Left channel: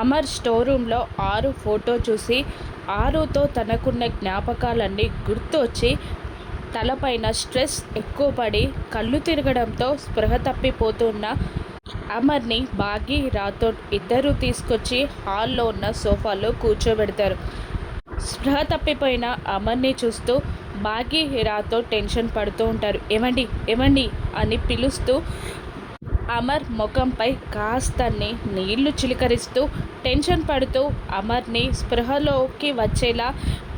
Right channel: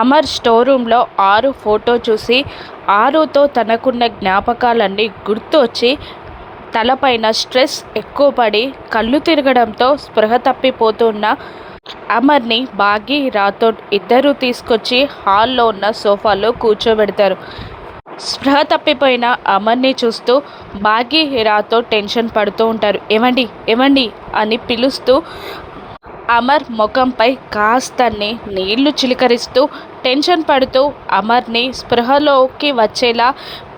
Amar store రూమ్లో ఆరు photo చూసి ఆరుతో తనకున్న జ్ఞాపకాలన్నీ గుర్తు వచ్చి తలపైన స్ట్రెస్ ఎక్కువ పడి కళ్ళు తిరగడంతో స్పృహ తప్పిపోతున్న అమర్ని బాగి రాథోడ్ ఇద్దరూ తీసుకొచ్చి హాల్లో ఉన్న సోఫాలో కూర్చోబెడతారు. స్పృహ తప్పిపోయిన అమర్ని చూస్తూ బాగి రాథోడ్ టెన్షన్ పడుతూ ఉంటారు. ఏమండి ఏమండి అని పిలుస్తూ అమర్ ముఖంపై కాస్తన్ని నీళ్లు చిలకరిస్తూ టెన్షన్ పడుతూ అమర్ని స్పృహలోకి వచ్చేలా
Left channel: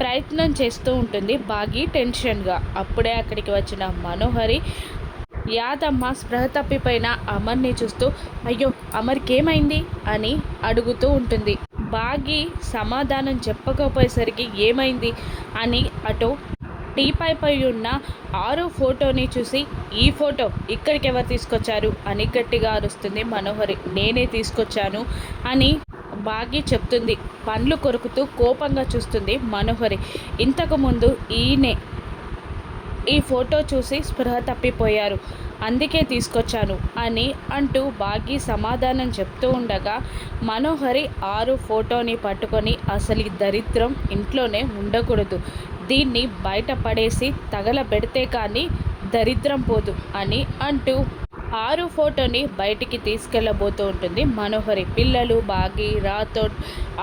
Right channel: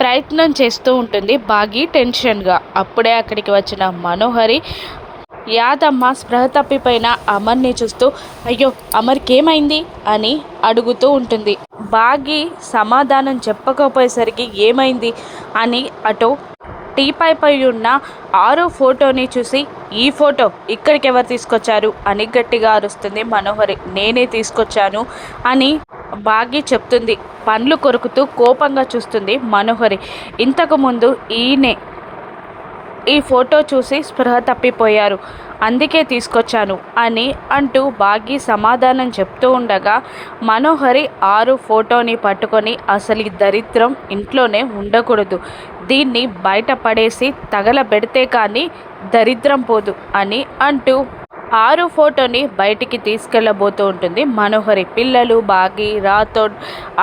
ప్రయత్నం చేస్తూ ఉంటుంది బాగి టెన్షన్గా. అప్పుడే అక్కడికి వచ్చిన మనోహరి యాదమ్మ స్పృహ తప్పిపోయిన అమర్ని చూస్తూ అయ్యో అమర్కేమైంది అని అడుగుతూ ఉంటుంది. బాగి సమాధానం చెప్పకపోయేసరికి ఏమైంది అని అటు టీపై ఉన్న ఆరు ఫోటోని చూసి ఈ ఫోటో ఇక్కడికి ఎవరు తీసుకొచ్చారు అని గట్టిగా అరుస్తుంది మనోహరి. నేనే తీసుకొచ్చాను అని బాగి చెప్తుంది. పండ్లు కొరుకుతూ కోపంగా చూస్తుంది మనోహరి. ఇంతకుముందు ఈయనే ఈ ఫోటో చూసి స్పృహ తప్పిపోయారు, అందుకే తీసుకొచ్చాను అని అంటూ బాగి సమాధానం చెప్తూ ఉండగా మనోహరి ఆరు ఫోటోని పట్టుకొని అసలు ఈ దరిద్రం ఇంట్లోనే ఉండకూడదు, దీన్ని బయట పడేసి తగలబెడితే కానీ దరిద్రం పోదు అని అంటూ ఆరు ఫోటోని బయటికి తీసుకెళ్ళబోతూ ఉంటుంది మనోహరి. పిల్లలు బాగి రాథోడ్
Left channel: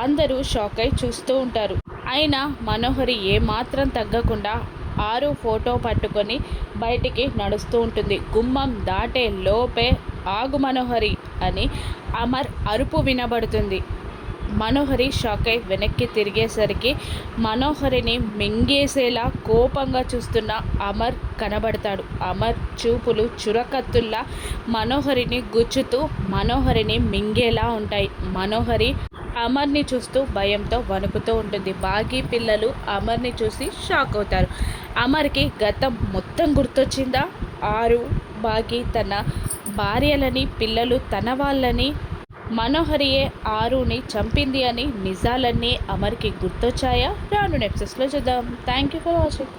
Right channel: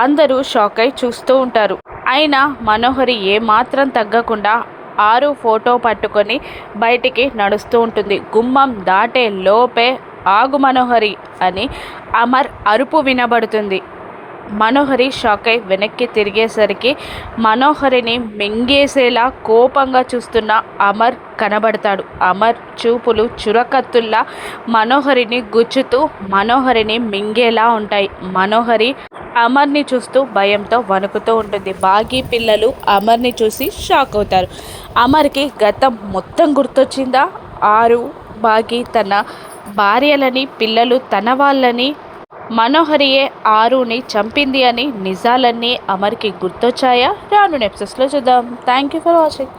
అందరూ షాక్ అయి చూస్తూ ఉంటారు. అయినా మనోహరి ఏమాత్రం తగ్గకుండా ఆరు ఫోటో పట్టుకొని బయటికి నడుస్తూ ఉంటుంది. గుమ్మం దాటే లోపే ఆగు మనోహరి అని అమర్ అరుపు వినబడుతుంది. మనోహరి షాక్ అయి వెనక్కి తిరిగేసరికి మనోహరిని మింగేసేలా కోపంగా చూస్తున్న అమర్ కనబడతాడు. అమర్ చూపులు చురకత్తుల్లా మనోహరిని గుచ్చుతూ మనోహరిని మింగేలా ఉంటాయి. మనోహరి అమర్ని చూస్తూ భయంతో వణుకుతూ ఉంటుంది. బాగి పిల్లలు అమర్ని చూసి షాక్ అవుతారు. అమర్కి గతం మొత్తం గుర్తొచ్చిందా? ఆరు బాగి తన భార్యలని పిల్లలు తన వాళ్ళని మనోహరియే ఆరుని చంపింది అని నిజాలన్నీ అమర్కి గుర్తొచ్చాయా? రాను ఎపిసోడ్స్లో చూద్దాం. Thank you for watching.